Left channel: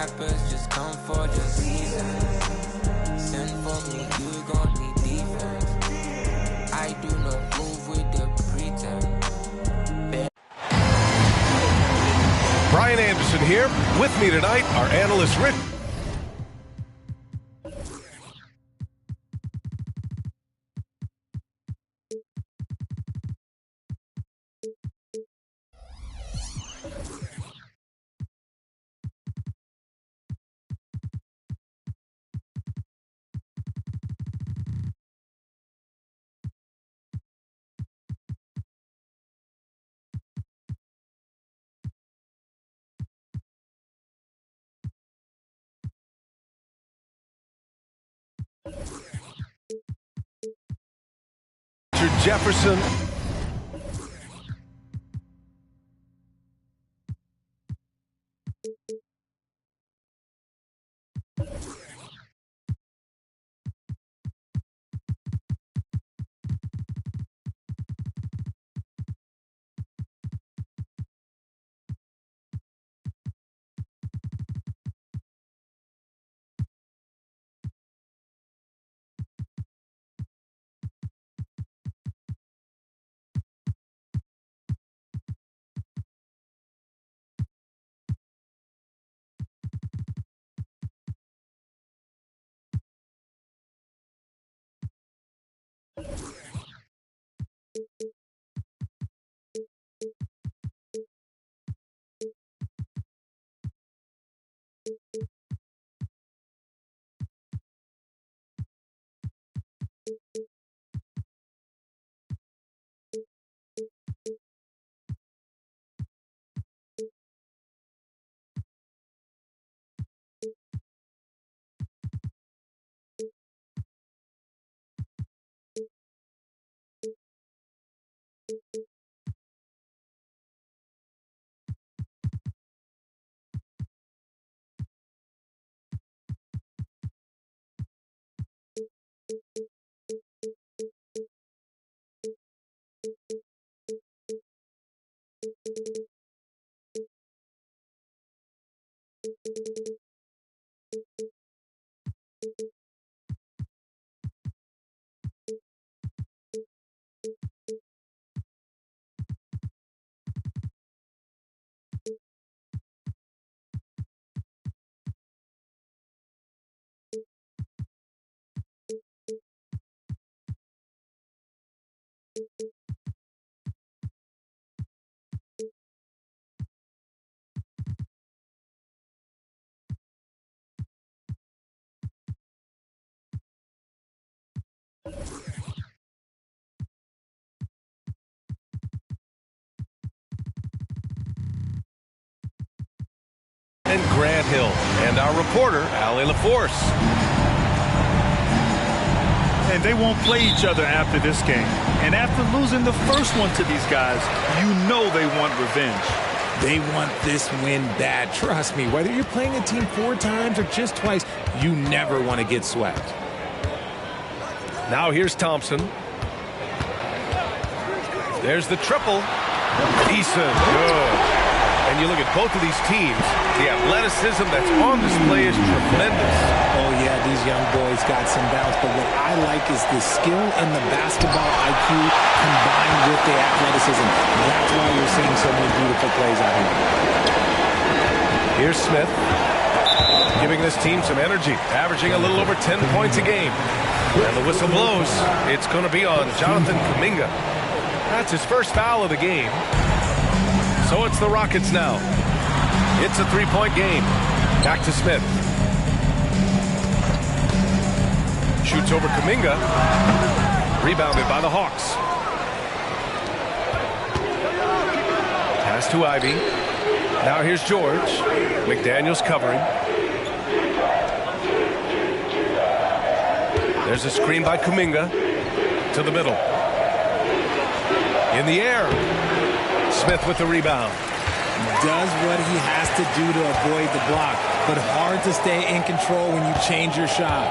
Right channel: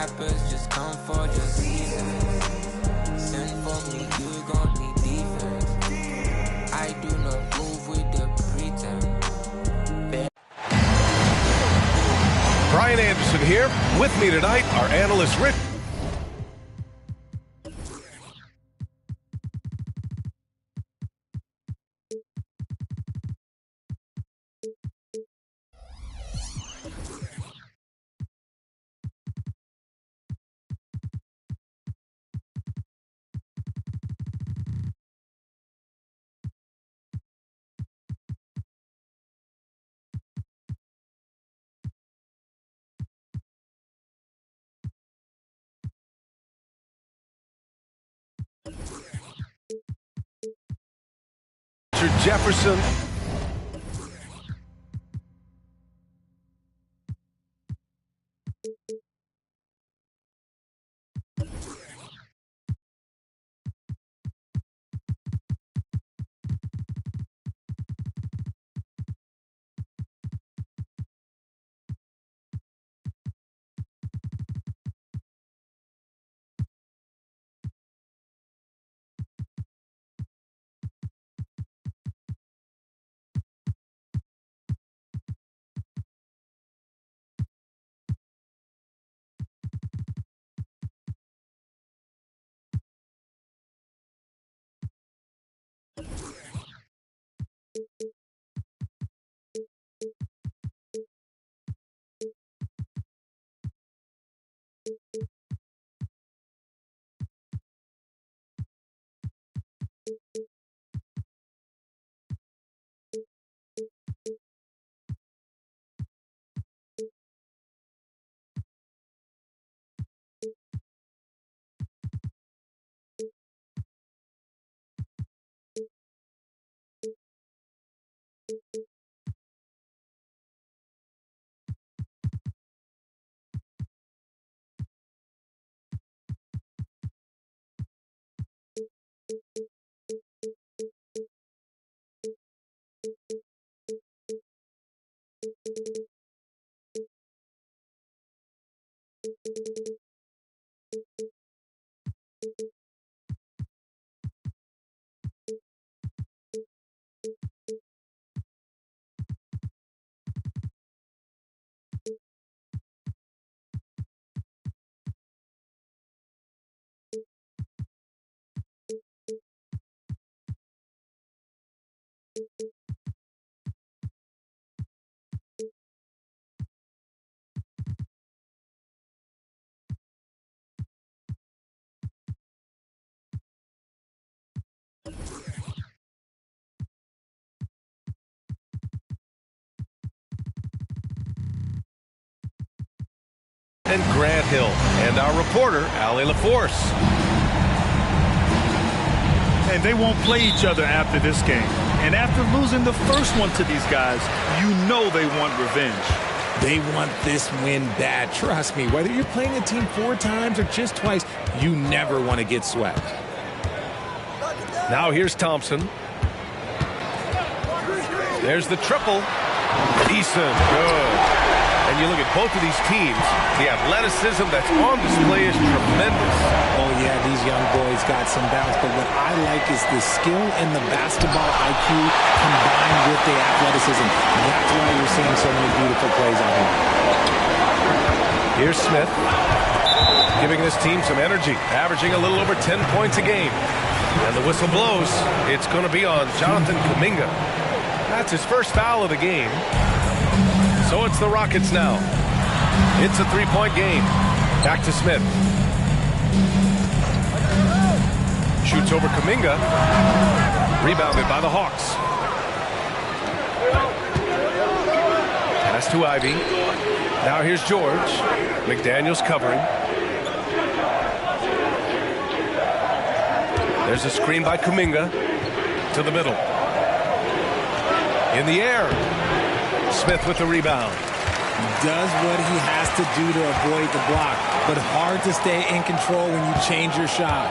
rappers just come for the season. Send for me, you gon' need defense. I do not move with the pretense. Brian Anderson here. With me tonight, our analyst Rick. Richard Jefferson. And Grant Hill, and our reporter, Allie LaForce. And they won't play each other after this game. And after losing the first one to these guys, you know they want revenge. They want this win bad. Trust me, whether you're playing a team 4 times or just twice, you never want to get swept. Now here's Thompson. There's the triple. Decent. Good. And you look at both of these teams, the athleticism that's on display is tremendous. Oh, yeah, these young boys got some bounce. But what I like is the skill and the basketball IQ combined with the athleticism. That's why you're seeing so many beautiful plays out here. Here's Smith, giving this team some energy, averaging a little over 10 points a game. And the whistle blows. It's going to be on Jonathan Kuminga. That's his first foul of the game. So it's the Rockets now. It's a 3-point game. Back to Smith. Shoots over Kuminga. Rebounded by the Hawks. Pass to Ivy. Now here's George. McDaniels covering. There's a screen by Kuminga. To the middle. In the air. Smith with the rebound. Does what he has to do to avoid the block, but hard to stay in control when you change your shot.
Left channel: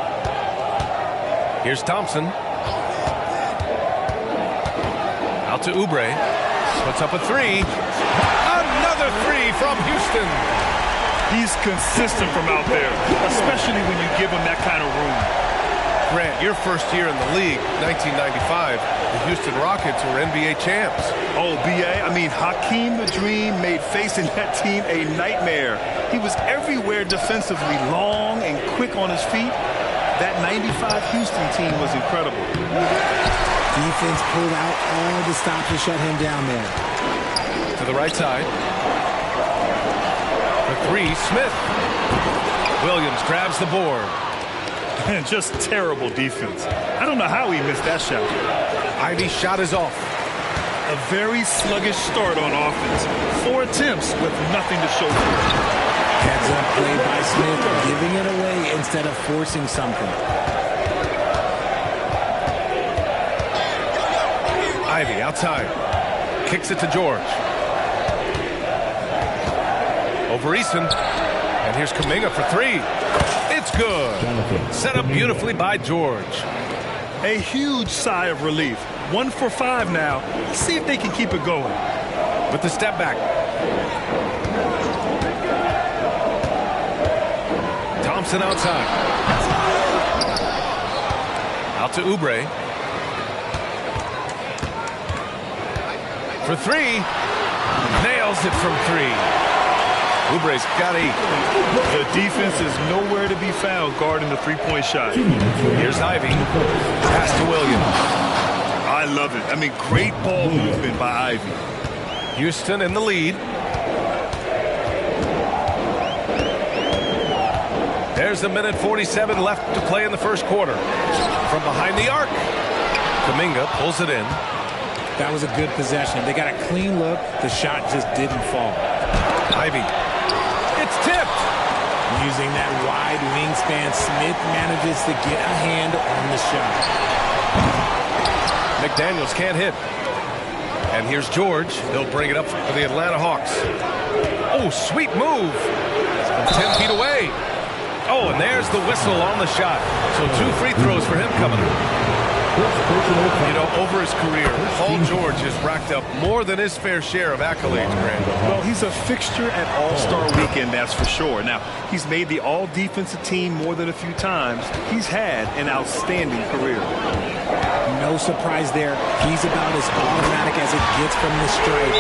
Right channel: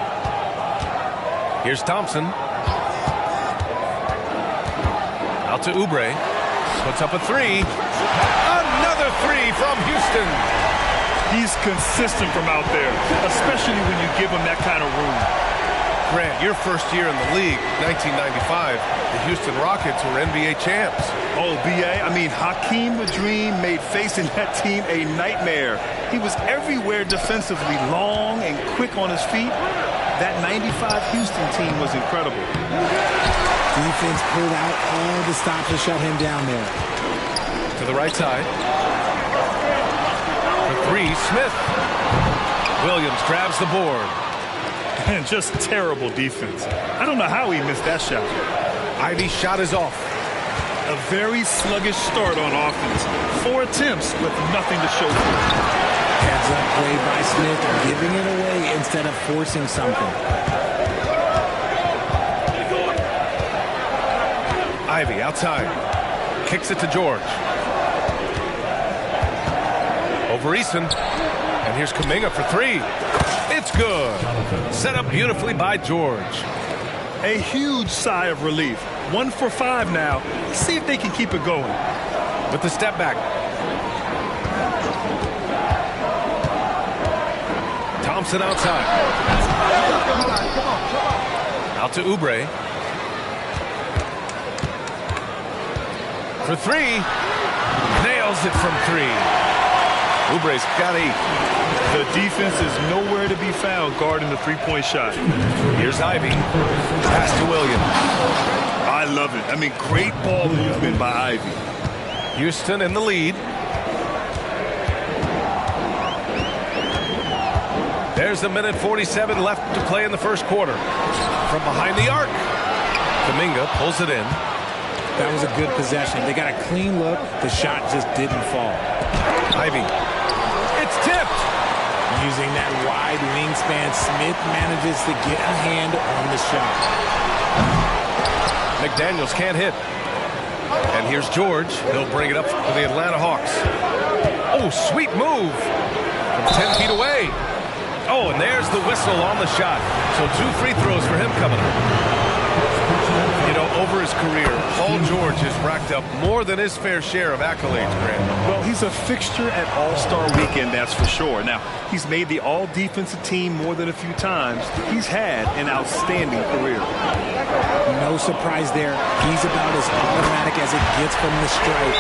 Here's Thompson. Out to Oubre. Puts up a 3. Another 3 from Houston. He's consistent from out there, especially when you give him that kind of room. Grant, your first year in the league, 1995, the Houston Rockets were NBA champs. Oh, B.A., I mean, Hakeem the Dream made facing that team a nightmare. He was everywhere defensively, long and quick on his feet. That 95 Houston team was incredible. Defense pulled out all the stops to shut him down there. To the right side. For three, Smith. Williams grabs the board. And just terrible defense. I don't know how he missed that shot. Ivey's shot is off. A very sluggish start on offense. 4 attempts with nothing to show for it. Heads up play by Smith, giving it away instead of forcing something. Ivey outside. Kicks it to George. Over Eason. And here's Kuminga for three. It's good. Set up beautifully by George. A huge sigh of relief. 1 for 5 now. Let's see if they can keep it going. With the step back. Thompson outside. Out to Oubre. For three. Nails it from three. Oubre's got 8. The defense is nowhere to be found guarding the three-point shot. Here's Ivey. Pass to Williams. I love it. I mean, great ball movement by Ivey. Houston in the lead. There's a minute 47 left to play in the first quarter. From behind the arc. Kuminga pulls it in. That was a good possession. They got a clean look. The shot just didn't fall. Ivey. It's tipped. Using that wide wingspan, Smith manages to get a hand on the shot. McDaniels can't hit. And here's George. He'll bring it up for the Atlanta Hawks. Oh, sweet move. From 10 feet away. Oh, and there's the whistle on the shot. So 2 free throws for him coming up. You know, over his career, Paul George has racked up more than his fair share of accolades, Grant. Well, he's a fixture at All-Star Weekend, that's for sure. Now, he's made the All-Defensive Team more than a few times. He's had an outstanding career. No surprise there. He's about as automatic as it gets from the stripe.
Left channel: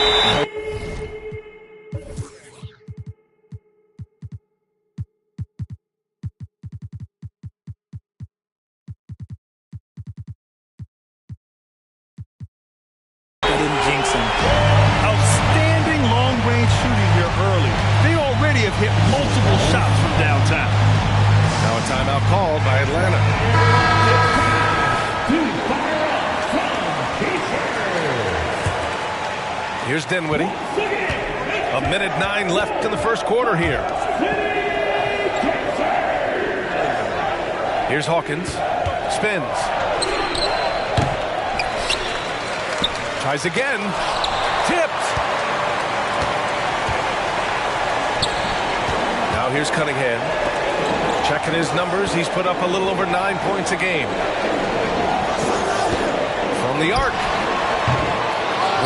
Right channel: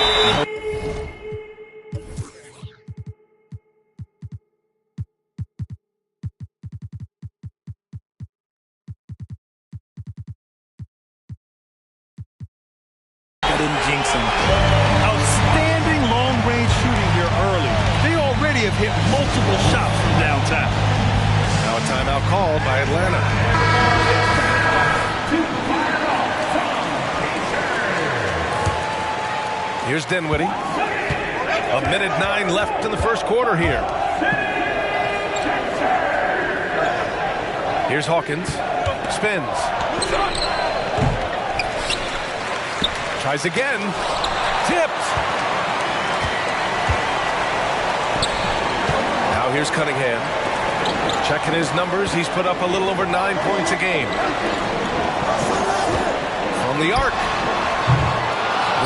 Didn't jinx him. Outstanding long-range shooting here early. They already have hit multiple shots from downtown. Now a timeout called by Atlanta. Here's Dinwiddie. A minute 9 left in the first quarter here. Here's Hawkins. Spins. Tries again. Tipped. Now here's Cunningham. Checking his numbers. He's put up a little over 9 points a game. From the arc.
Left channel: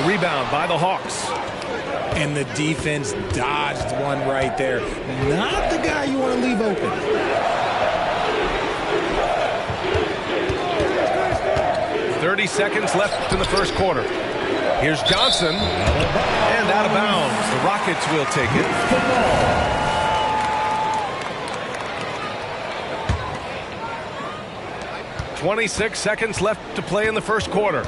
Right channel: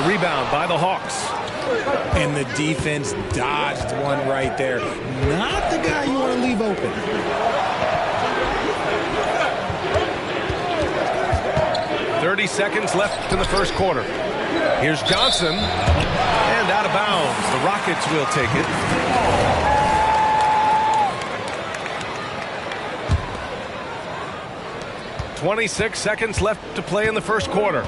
The rebound by the Hawks. And the defense dodged one right there. Not the guy you want to leave open. .30 seconds left in the first quarter. Here's Johnson. And out of bounds. The Rockets will take it. .26 seconds left to play in the first quarter.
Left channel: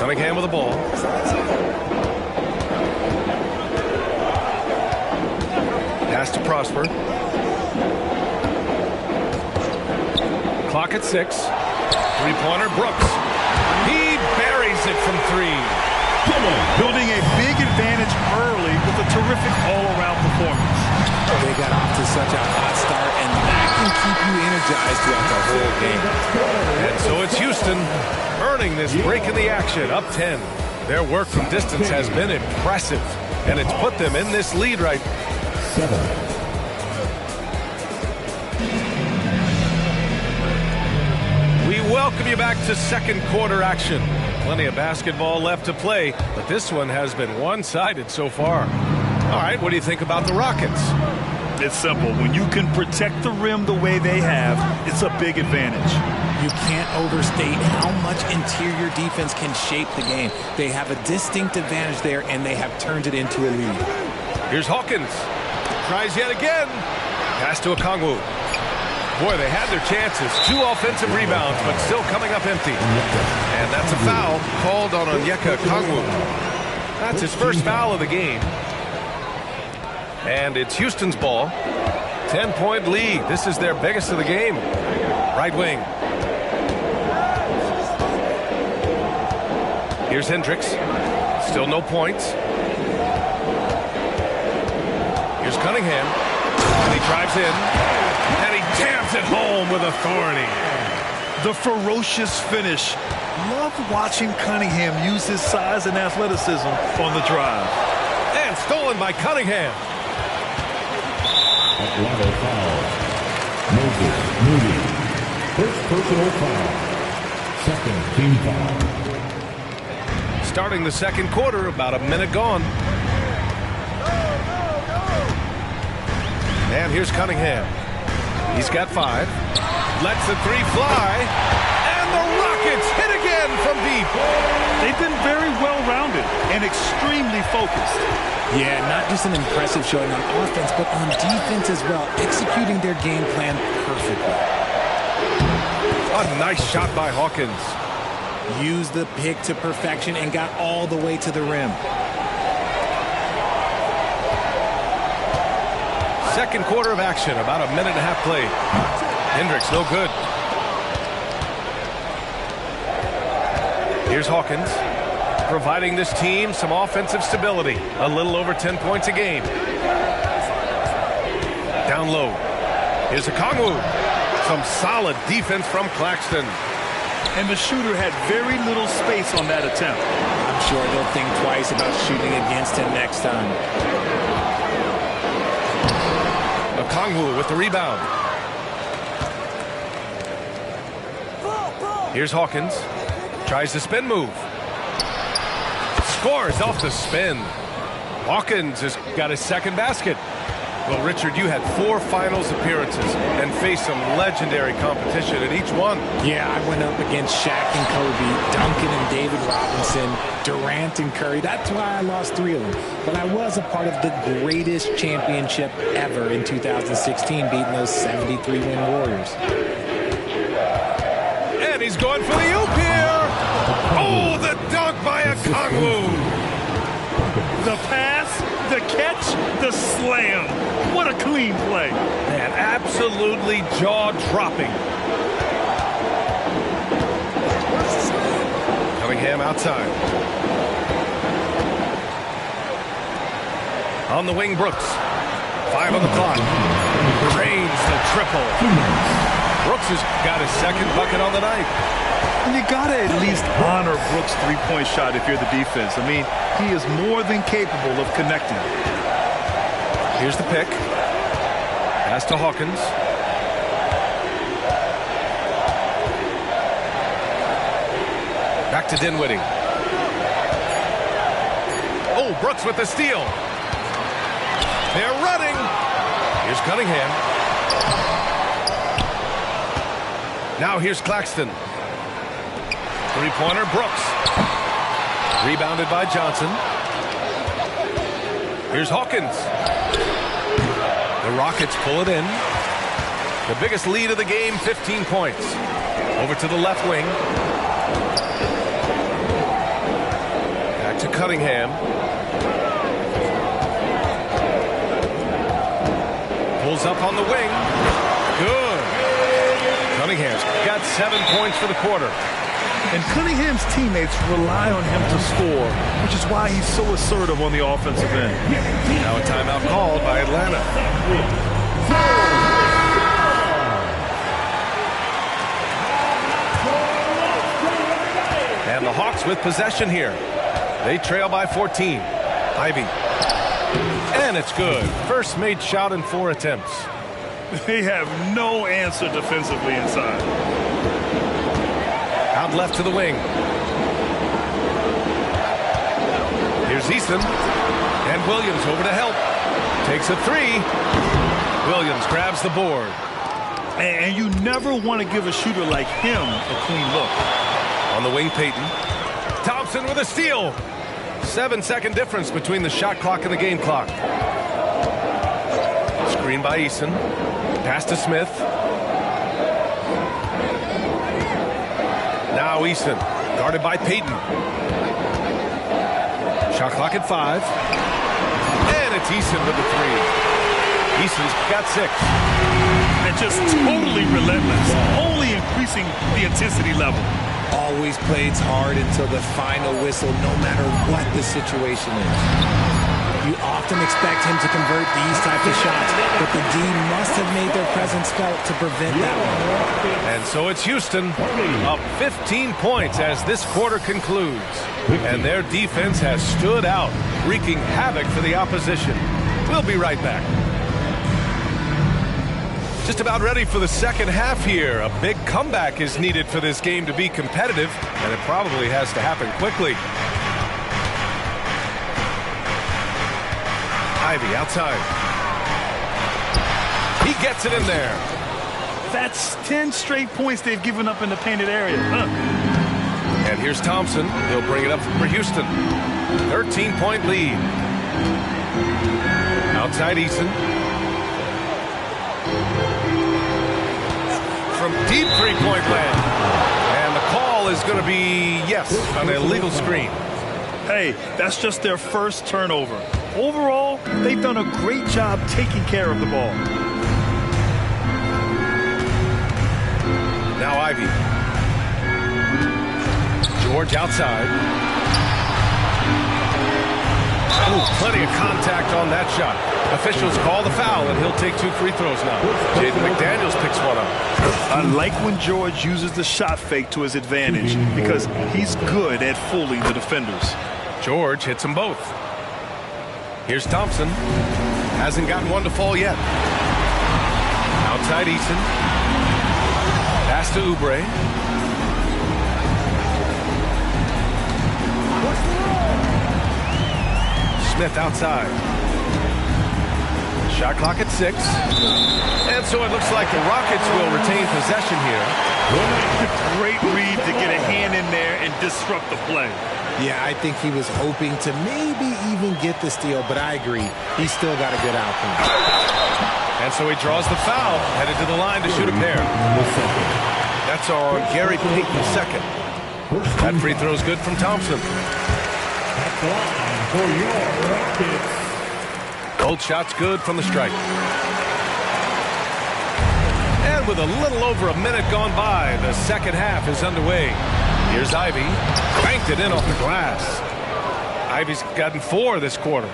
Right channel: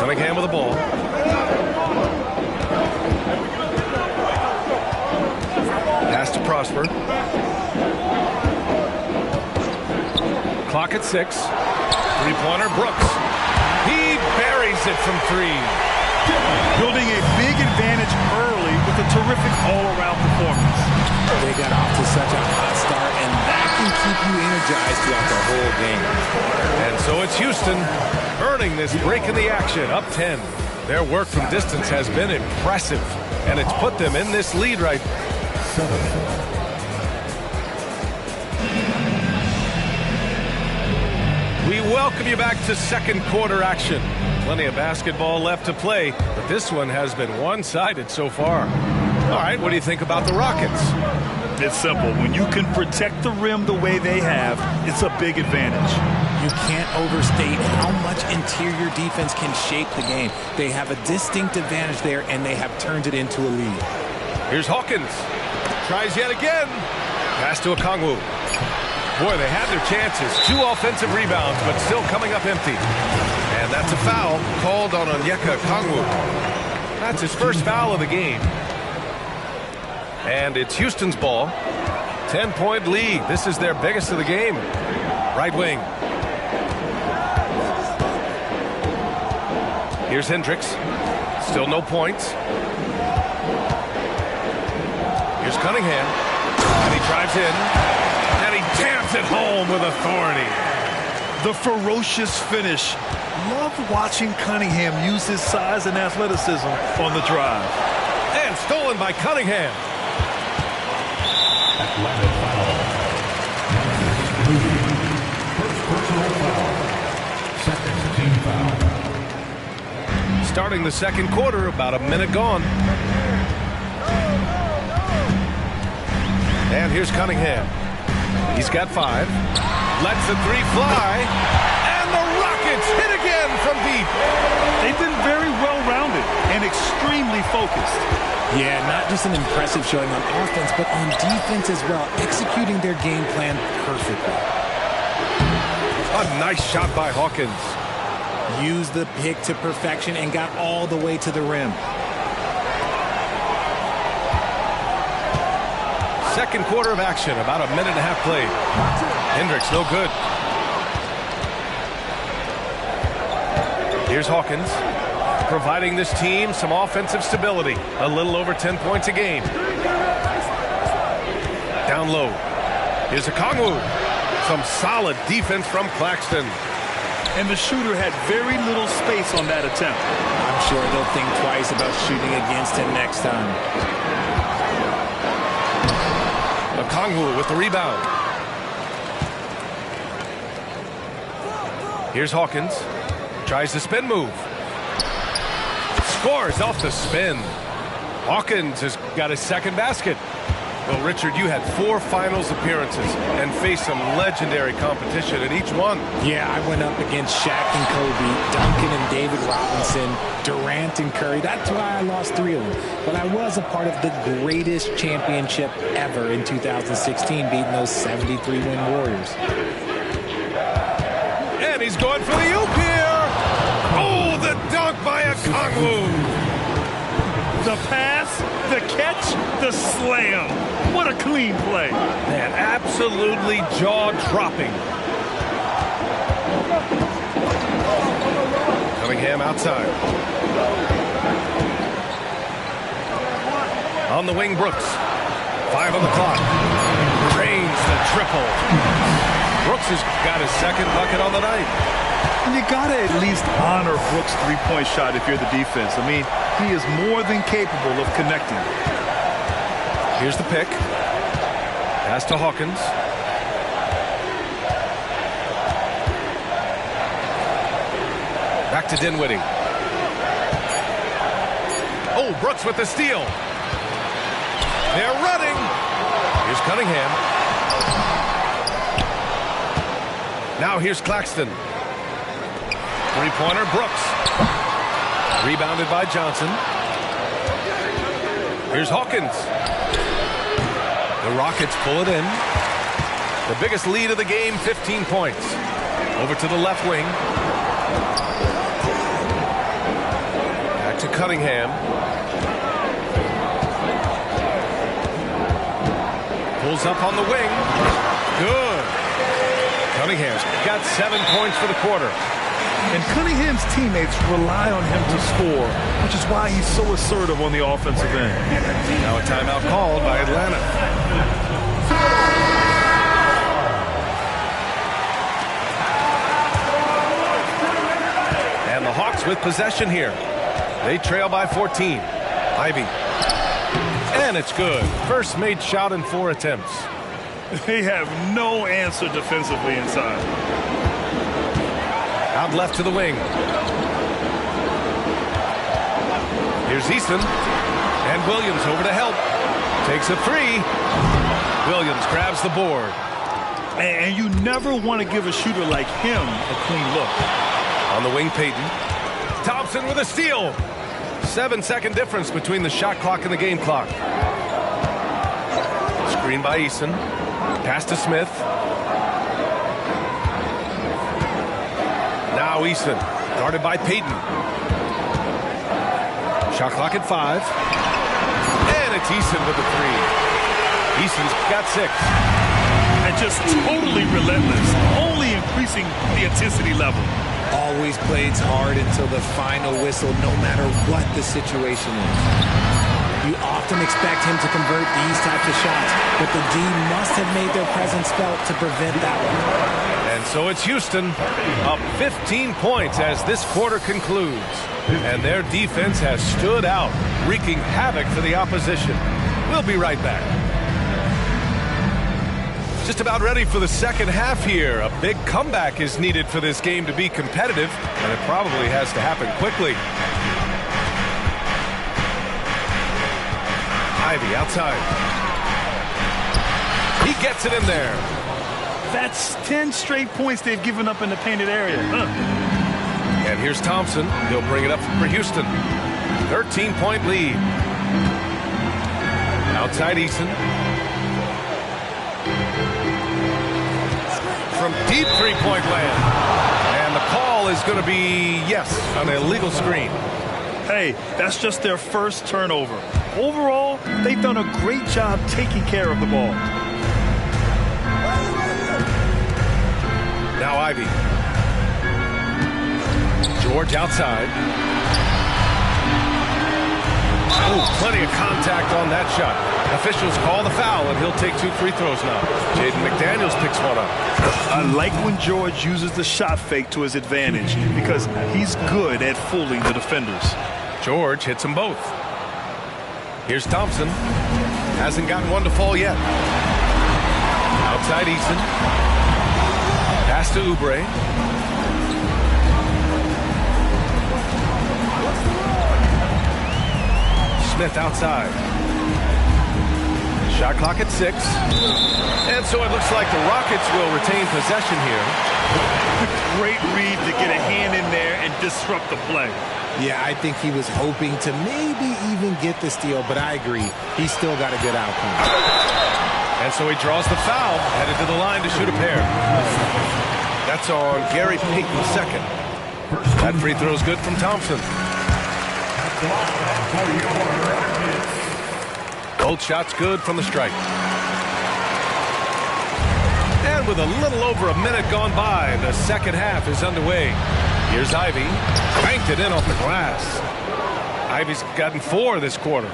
Cunningham with the ball. Pass to Prosper. Clock at 6. Three-pointer, Brooks. He buries it from 3. Building a big advantage early with a terrific all-around performance. They got off to such a hot start, and that can keep you energized throughout the whole game. And so it's Houston earning this break in the action, up 10. Their work from distance has been impressive, and it's put them in this lead right. We welcome you back to second quarter action. Plenty of basketball left to play, but this one has been one-sided so far. All right, what do you think about the Rockets? It's simple. When you can protect the rim the way they have, it's a big advantage. You can't overstate how much interior defense can shape the game. They have a distinct advantage there, and they have turned it into a lead. Here's Hawkins. Tries yet again. Pass to Okongwu. Boy, they had their chances. 2 offensive rebounds, but still coming up empty. And that's a foul called on Onyeka Okongwu. That's his first foul of the game. And it's Houston's ball. 10-point lead. This is their biggest of the game. Right wing. Here's Hendricks. Still no points. Here's Cunningham. And he drives in. And he jams it home with authority. The ferocious finish. Love watching Cunningham use his size and athleticism on the drive. And stolen by Cunningham. Atlanta foul. Moses Moody. First personal foul. Second team foul. Starting the second quarter, about a minute gone. And here's Cunningham. He's got 5. Lets the 3 fly. And the Rockets hit again from deep. They've been very well-rounded and extremely focused. Yeah, not just an impressive showing on offense, but on defense as well, executing their game plan perfectly. A nice shot by Hawkins. Used the pick to perfection and got all the way to the rim. Second quarter of action, about a minute and a half played. Hendricks, no good. Here's Hawkins, providing this team some offensive stability. A little over 10 points a game. Down low. Here's Okongwu. Some solid defense from Claxton. And the shooter had very little space on that attempt. I'm sure they'll think twice about shooting against him next time. Okongwu with the rebound. Here's Hawkins. Tries the spin move. Scores off the spin. Hawkins has got his second basket. Well, Richard, you had 4 finals appearances and faced some legendary competition in each one. Yeah, I went up against Shaq and Kobe, Duncan and David Robinson, Durant and Curry. That's why I lost 3 of them. But I was a part of the greatest championship ever in 2016, beating those 73-win Warriors. And he's going for the oop here. Oh, the dunk by Okongwu. The pass, the catch, the slam. What a clean play. Man, absolutely jaw-dropping. Cunningham outside. On the wing, Brooks. 5 on the clock. Drains the triple. Brooks has got his second bucket on the night. And you got to at least honor Brooks' 3-point shot if you're the defense. I mean, he is more than capable of connecting. Here's the pick. Pass to Hawkins. Back to Dinwiddie. Oh, Brooks with the steal. They're running. Here's Cunningham. Now here's Claxton. 3-pointer, Brooks. Rebounded by Johnson. Here's Hawkins. The Rockets pull it in. The biggest lead of the game, 15 points. Over to the left wing. Back to Cunningham. Pulls up on the wing. Good. Cunningham's got 7 points for the quarter. And Cunningham's teammates rely on him to score, which is why he's so assertive on the offensive end. Now a timeout called by Atlanta. And the Hawks with possession here. They trail by 14. Ivy. And it's good. First made shot in 4 attempts. They have no answer defensively inside. Out left to the wing. Here's Eason. And Williams over to help. Takes a three. Williams grabs the board. And you never want to give a shooter like him a clean look. On the wing, Payton. Thompson with a steal. 7-second difference between the shot clock and the game clock. Screen by Eason. Pass to Smith. Now Eason, guarded by Payton. Shot clock at 5. And it's Eason with the three. Eason's got 6. And just totally relentless, only increasing the intensity level. Always plays hard until the final whistle, no matter what the situation is. You often expect him to convert these types of shots, but the D must have made their presence felt to prevent that one. And so it's Houston up 15 points as this quarter concludes. And their defense has stood out, wreaking havoc for the opposition. We'll be right back. Just about ready for the second half here. A big comeback is needed for this game to be competitive, and it probably has to happen quickly. Ivey outside. He gets it in there. That's 10 straight points they've given up in the painted area. And here's Thompson. He'll bring it up for Houston. 13-point lead. Outside Eason. From deep three-point land. And the call is going to be, yes, an illegal screen. Hey, that's just their first turnover. Overall, they've done a great job taking care of the ball. Now Ivey. George outside. Oh, plenty of contact on that shot. Officials call the foul, and he'll take 2 free throws now. Jaden McDaniels picks one up. I like when George uses the shot fake to his advantage because he's good at fooling the defenders. George hits them both. Here's Thompson. Hasn't gotten one to fall yet. Outside Eason. Pass to Oubre. Smith outside. Shot clock at 6. And so it looks like the Rockets will retain possession here. Great read to get a hand in there and disrupt the play. Yeah, I think he was hoping to maybe even get the steal, but I agree. He's still got a good outcome. And so he draws the foul, headed to the line to shoot a pair. That's on Gary Payton second. That free throw's good from Thompson. Both shots good from the stripe. And with a little over a minute gone by, the second half is underway. Here's Ivey. Banked it in off the glass. Ivey's gotten 4 this quarter.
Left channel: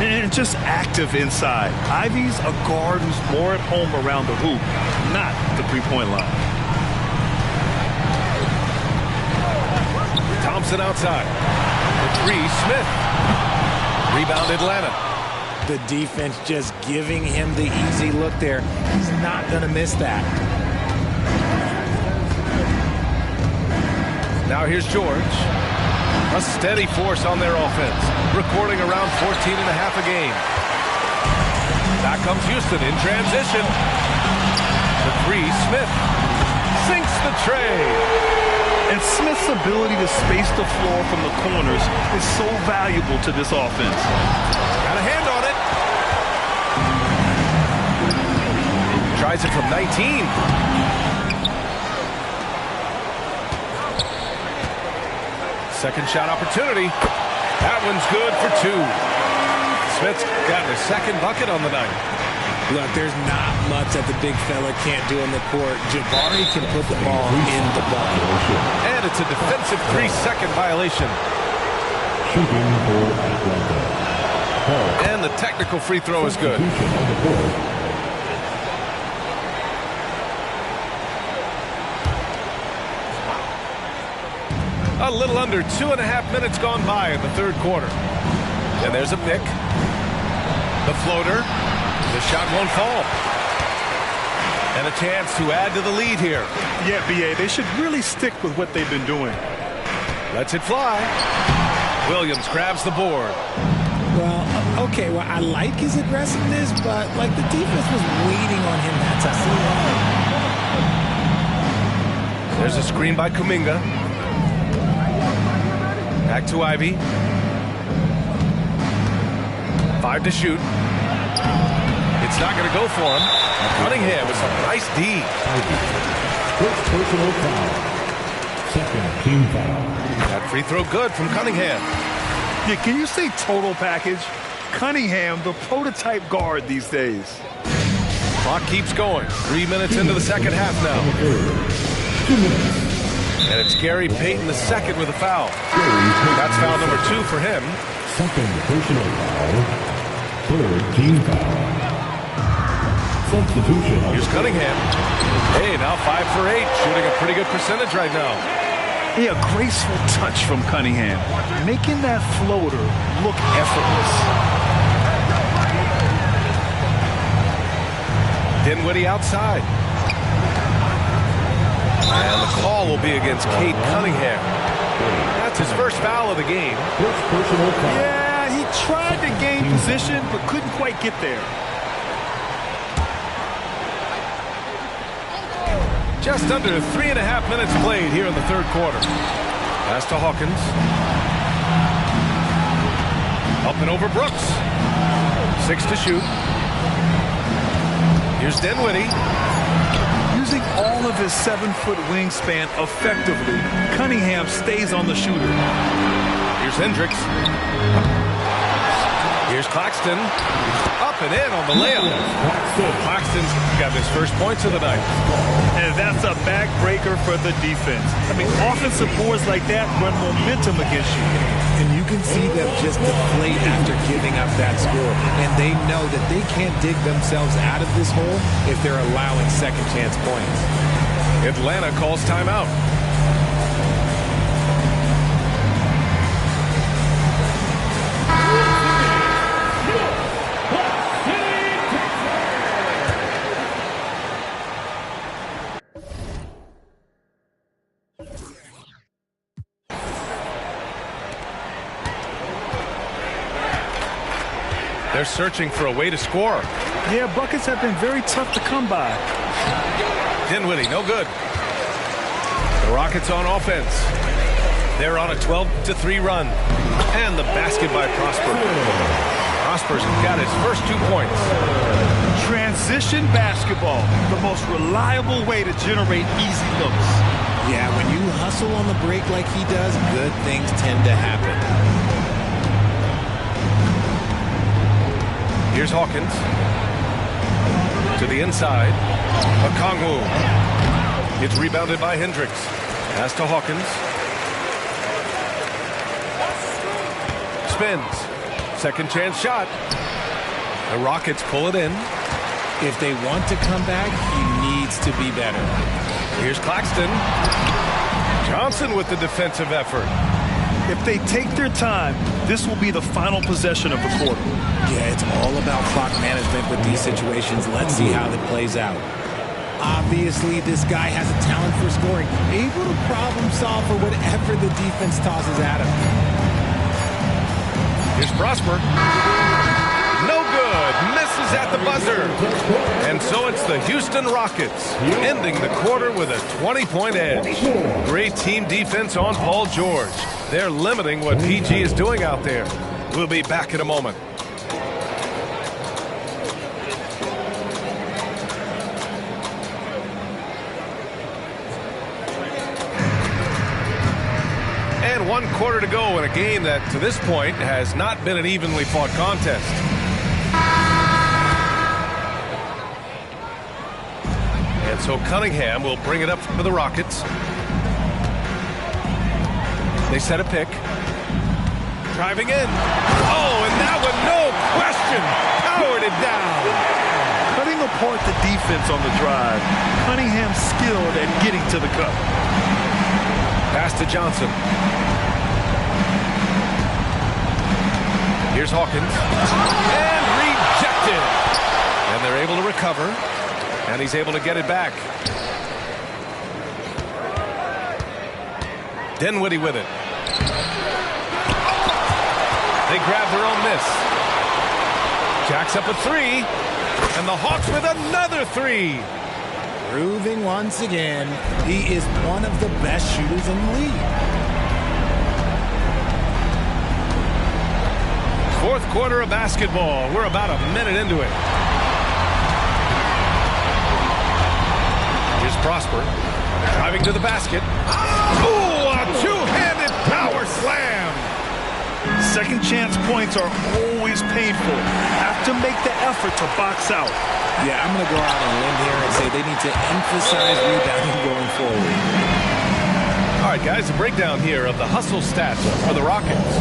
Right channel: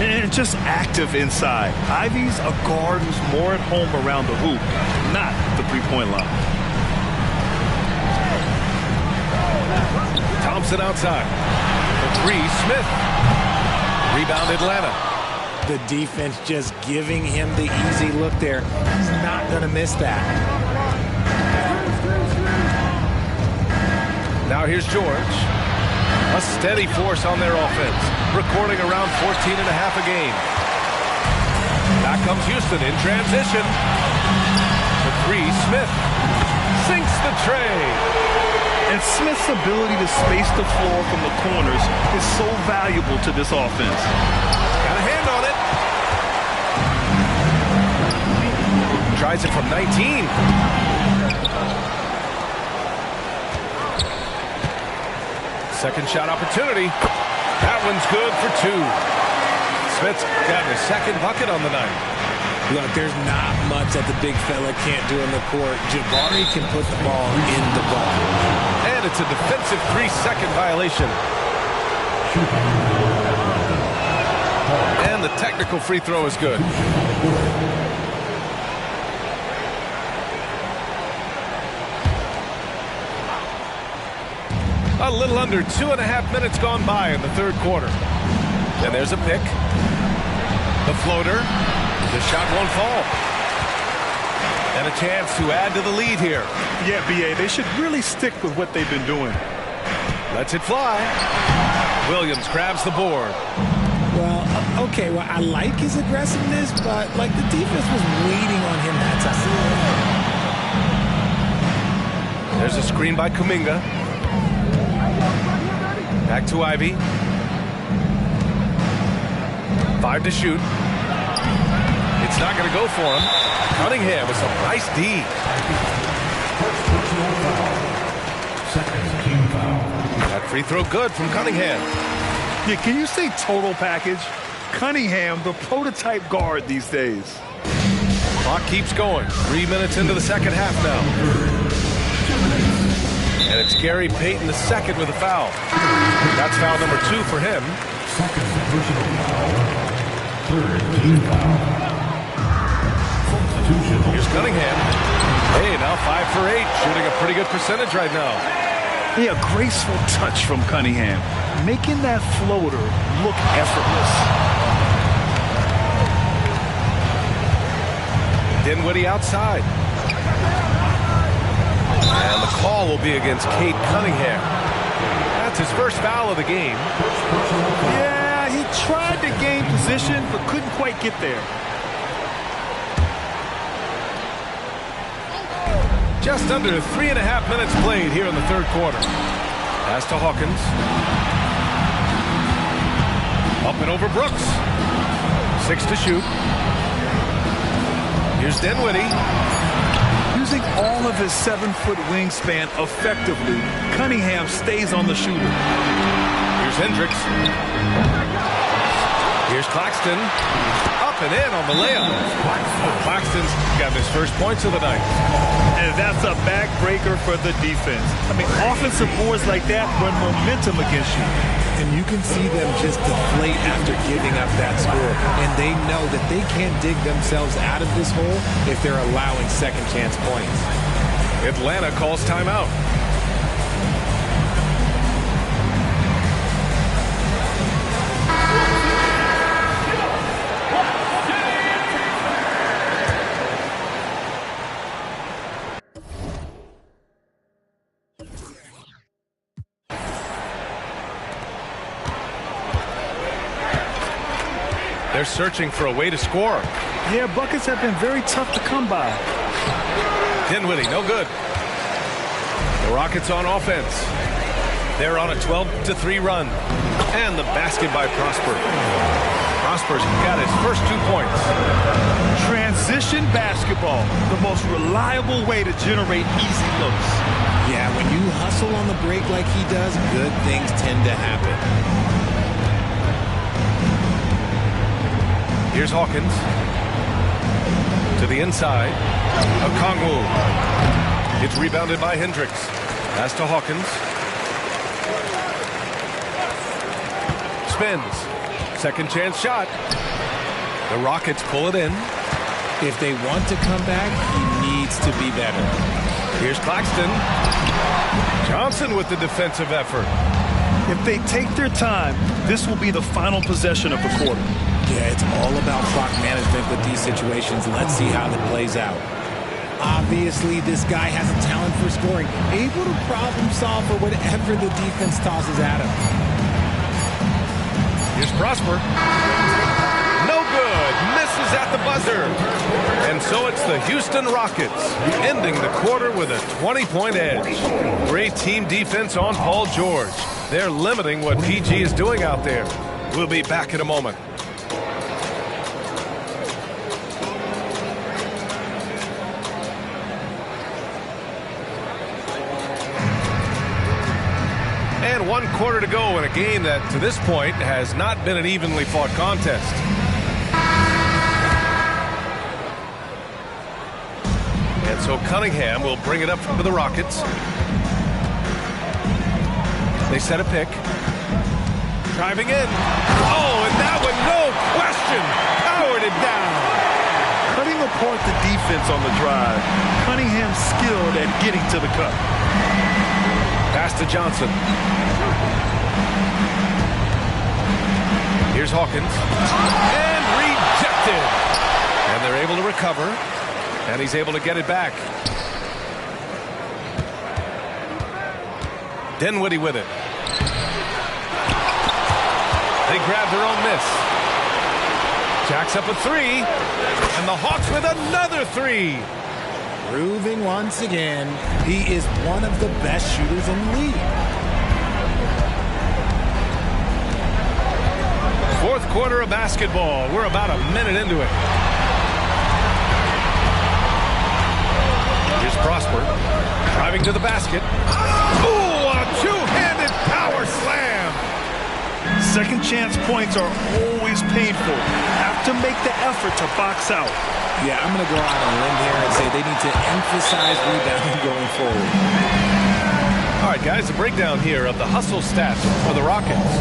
And just active inside. Ivey's a guard who's more at home around the hoop, not the three-point line. Thompson outside. The 3, Smith. Rebound Atlanta. The defense just giving him the easy look there. He's not going to miss that. Now here's George. A steady force on their offense, recording around 14 and a half a game. Back comes Houston in transition. The 3, Smith. Sinks the tray. And Smith's ability to space the floor from the corners is so valuable to this offense. Got a hand on it. Tries it from 19. Second shot opportunity. That one's good for 2. Smith's gotten his second bucket on the night. Look, there's not much that the big fella can't do on the court. Jabari can put the ball in the bucket. And it's a defensive 3-second violation. Shooting for Atlanta. And the technical free throw is good. A little under 2.5 minutes gone by in the third quarter. And there's a pick. The floater. The shot won't fall. And a chance to add to the lead here. Yeah, B.A., they should really stick with what they've been doing. Lets it fly. Williams grabs the board. Well, okay, well, I like his aggressiveness, but, like, the defense was waiting on him that time. There's a screen by Kuminga. Back to Ivy. 5 to shoot. It's not going to go for him. Cunningham with some nice D. First personal foul. Second team foul. That free throw good from Cunningham. Yeah, can you say total package? Cunningham, the prototype guard these days. Clock keeps going. 3 minutes into the second half now. 2 minutes. And it's Gary Payton II with a foul. That's foul number 2 for him. Second personal foul. Third team foul. Substitution. Here's Cunningham. Hey, now 5 for 8. Shooting a pretty good percentage right now. Yeah, a graceful touch from Cunningham, making that floater look effortless. Dinwiddie outside. And the call will be against Cade Cunningham. That's his first foul of the game. First personal foul. Yeah, he tried to gain position, but couldn't quite get there. Just under 3.5 minutes played here in the third quarter. Pass to Hawkins. Up and over Brooks. 6 to shoot. Here's Dinwiddie. Using all of his 7-foot wingspan effectively, Cunningham stays on the shooter. Here's Hendricks. Here's Claxton. Up and in on the layup. Claxton's got his first points of the night. And that's a backbreaker for the defense. I mean, offensive boards like that run momentum against you. And you can see them just deflate after giving up that score. And they know that they can't dig themselves out of this hole if they're allowing second chance points. Atlanta calls timeout. They're searching for a way to score. Yeah, buckets have been very tough to come by. Dinwiddie, no good. The Rockets on offense. They're on a 12-3 run. And the basket by Prosper. Prosper's got his first 2 points. Transition basketball, the most reliable way to generate easy looks. Yeah, when you hustle on the break like he does, good things tend to happen. Here's Hawkins. To the inside. Okongwu. It's rebounded by Hendricks. Pass to Hawkins. Spins. Second chance shot. The Rockets pull it in. If they want to come back, he needs to be better. Here's Claxton. Johnson with the defensive effort. If they take their time, this will be the final possession of the quarter. Yeah, it's all about clock management with these situations. Let's see how that plays out. Obviously, this guy has a talent for scoring, able to problem solve for whatever the defense tosses at him. Here's Prosper. No good. Misses at the buzzer. And so it's the Houston Rockets ending the quarter with a 20-point edge. Great team defense on Paul George. They're limiting what PG is doing out there. We'll be back in a moment. And 1 quarter to go in a game that, to this point, has not been an evenly fought contest. And so Cunningham will bring it up for the Rockets. They set a pick. Driving in. Oh, and that one, no question, powered it down. Cutting apart the defense on the drive. Cunningham skilled at getting to the cup. Pass to Johnson. Here's Hawkins. And rejected. And they're able to recover. And he's able to get it back. Dinwiddie with it. They grab their own miss. Jacks up a three, and the Hawks with another three. Proving once again, he is one of the best shooters in the league. Fourth quarter of basketball. We're about a minute into it. Here's Prosper, driving to the basket. Ooh, a two-handed power slam. Second chance points are always painful. Have to make the effort to box out. Yeah, I'm going to go out on a limb here and say they need to emphasize rebounding going forward. All right, guys, a breakdown here of the hustle stats for the Rockets.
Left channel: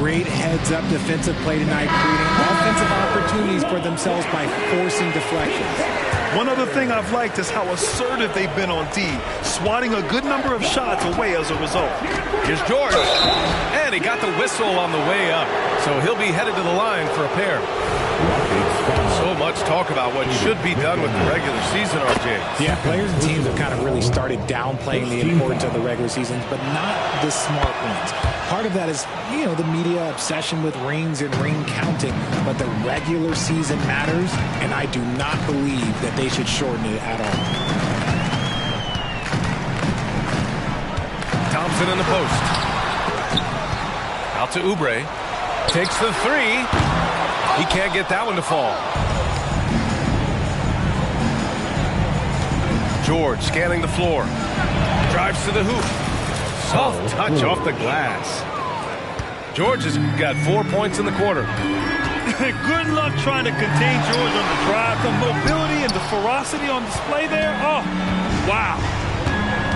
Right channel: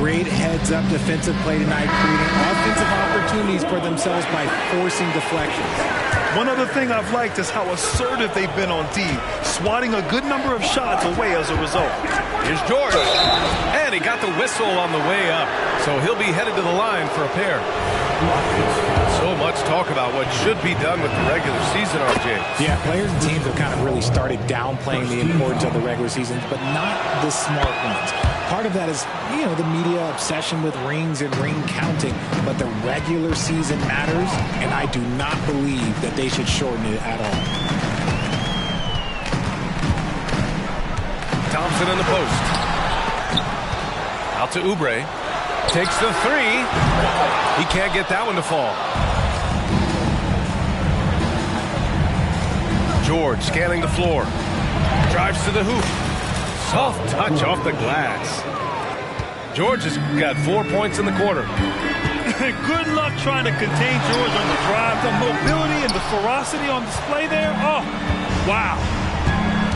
Great heads-up defensive play tonight, creating offensive opportunities for themselves by forcing deflections. One other thing I've liked is how assertive they've been on D, swatting a good number of shots away as a result. Here's George, and he got the whistle on the way up, so he'll be headed to the line for a pair. So much talk about what should be done with the regular season, RJ. Yeah, players and teams have kind of really started downplaying the importance of the regular season, but not the smart ones. Part of that is, you know, the media obsession with rings and ring counting, but the regular season matters, and I do not believe that they should shorten it at all. Thompson in the post. Out to Oubre. Takes the three. He can't get that one to fall. George scanning the floor. Drives to the hoop. Soft touch off the glass. George has got 4 points in the quarter. Good luck trying to contain George on the drive. The mobility and the ferocity on display there. Oh, wow.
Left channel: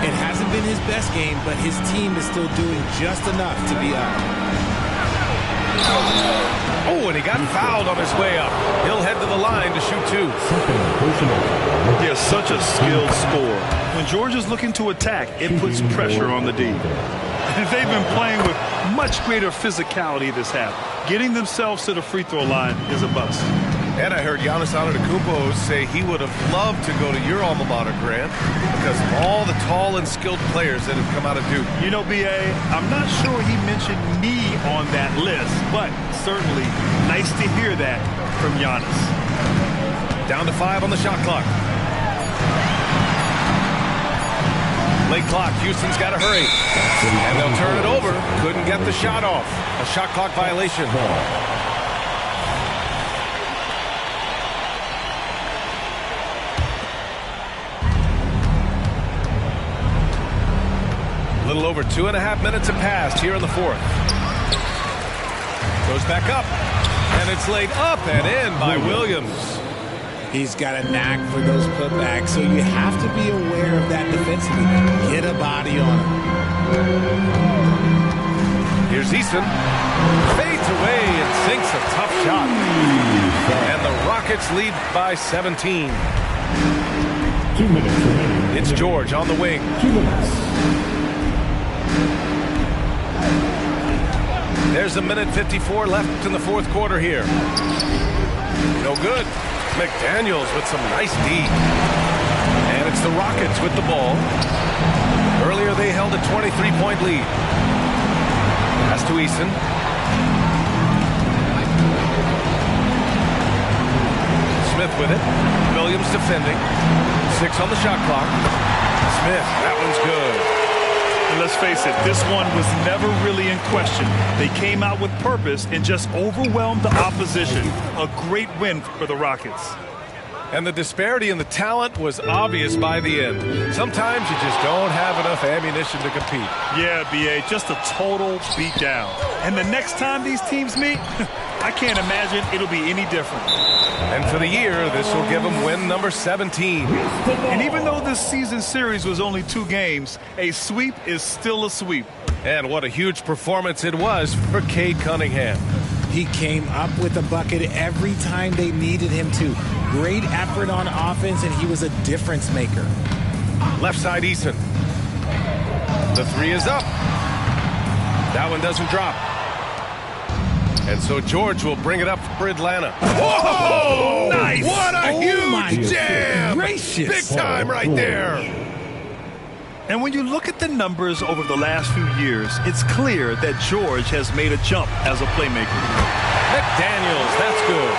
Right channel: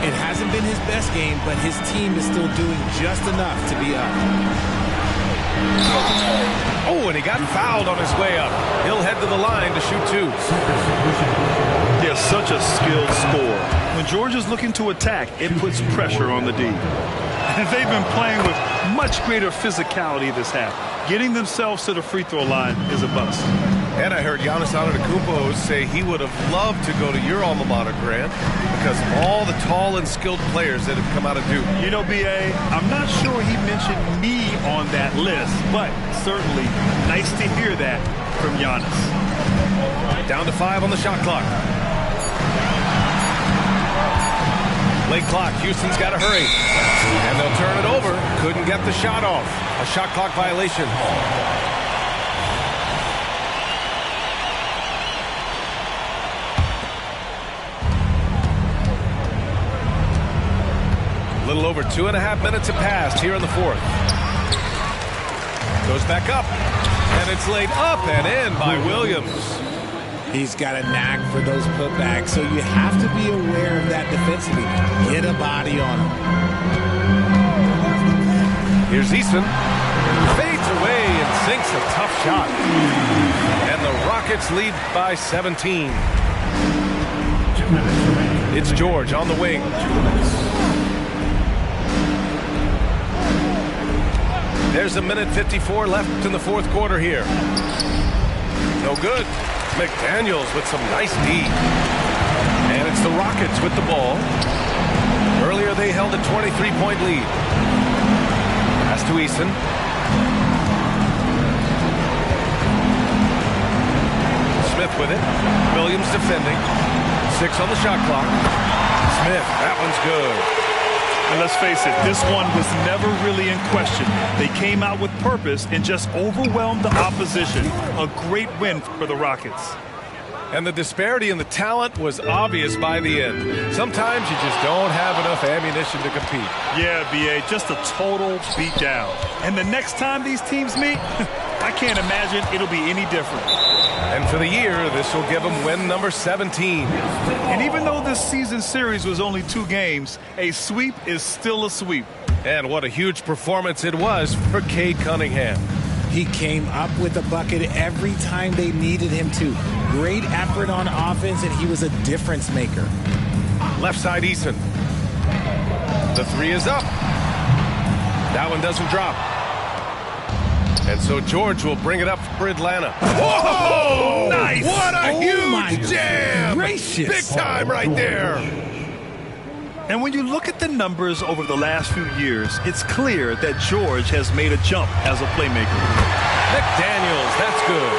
It hasn't been his best game, but his team is still doing just enough to be up. Oh, and he got fouled on his way up. He'll head to the line to shoot two. Yeah, such a skilled scorer. When George is looking to attack, it puts pressure on the D. And they've been playing with much greater physicality this half. Getting themselves to the free throw line is a bust. And I heard Giannis Antetokounmpo say he would have loved to go to your alma mater, Grant, because of all the tall and skilled players that have come out of Duke. You know, B.A., I'm not sure he mentioned me on that list, but certainly nice to hear that from Giannis. Down to 5 on the shot clock. Late clock. Houston's got to hurry. And they'll turn it over. Couldn't get the shot off. A shot clock violation. A little over 2.5 minutes have passed here in the fourth. Goes back up. And it's laid up and in by Williams. He's got a knack for those putbacks, so you have to be aware of that defensively. Get a body on him. Here's Eason. Fades away and sinks a tough shot. And the Rockets lead by 17. 2 minutes remaining. It's George on the wing. 2 minutes. There's a minute 54 left in the fourth quarter here. No good. McDaniels with some nice D. And it's the Rockets with the ball. Earlier they held a 23-point lead. Pass to Eason. Smith with it. Williams defending. 6 on the shot clock. Smith, that one's good. And let's face it, this one was never really in question. They came out with purpose and just overwhelmed the opposition. A great win for the Rockets. And the disparity in the talent was obvious by the end. Sometimes you just don't have enough ammunition to compete. Yeah, B.A., just a total beatdown. And the next time these teams meet, I can't imagine it'll be any different. And for the year, this will give them win number 17. And even though this season series was only 2 games, a sweep is still a sweep. And what a huge performance it was for Cade Cunningham. He came up with a bucket every time they needed him to. Great effort on offense, and he was a difference maker. Left side, Eason. The 3 is up. That one doesn't drop. And so George will bring it up for Atlanta. Whoa! Nice! What a Oh, my huge jam! gracious. Big time right there. And when you look at the numbers over the last few years, it's clear that George has made a jump as a playmaker. McDaniels, that's good.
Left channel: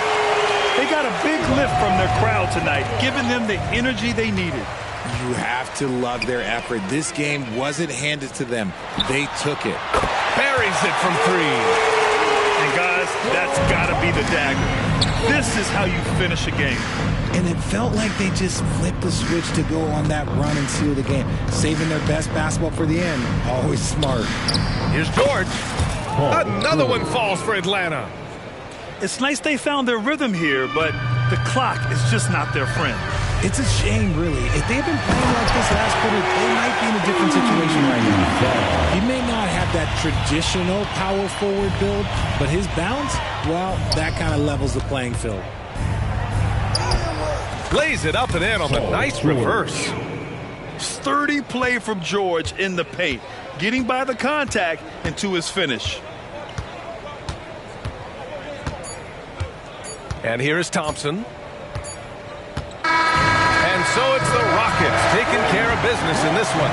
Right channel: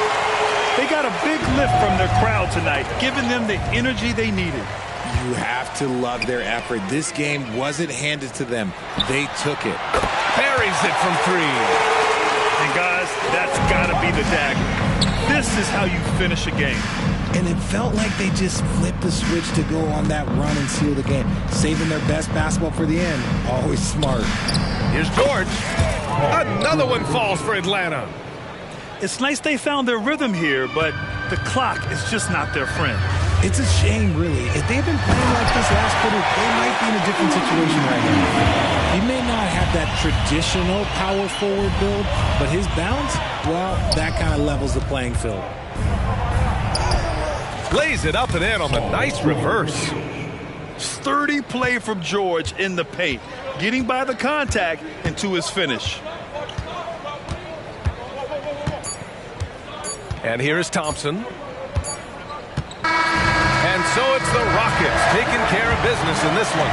They got a big lift from their crowd tonight, giving them the energy they needed. You have to love their effort. This game wasn't handed to them. They took it. Buries it from 3. And guys, that's got to be the dagger. This is how you finish a game. And it felt like they just flipped the switch to go on that run and seal the game. Saving their best basketball for the end. Always smart. Here's George. Another one falls for Atlanta. It's nice they found their rhythm here, but the clock is just not their friend. It's a shame, really. If they had been playing like this last quarter, they might be in a different situation right now. He may not have that traditional power forward build, but his bounce, well, that kind of levels the playing field. Lays it up and in on the nice reverse. Sturdy play from George in the paint, getting by the contact and to his finish. And here is Thompson. And so it's the Rockets taking care of business in this one.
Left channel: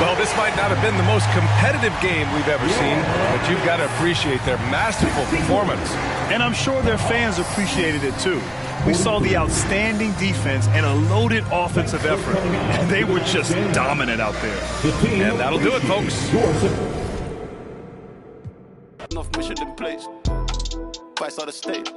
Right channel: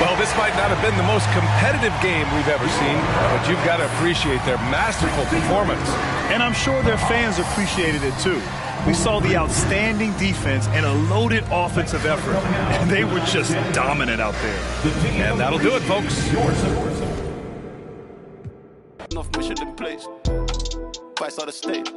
Well, this might not have been the most competitive game we've ever seen, but you've got to appreciate their masterful performance. And I'm sure their fans appreciated it too. We saw the outstanding defense and a loaded offensive effort, and they were just dominant out there. And that'll do it, folks. Enough mission in place. Fights out of state.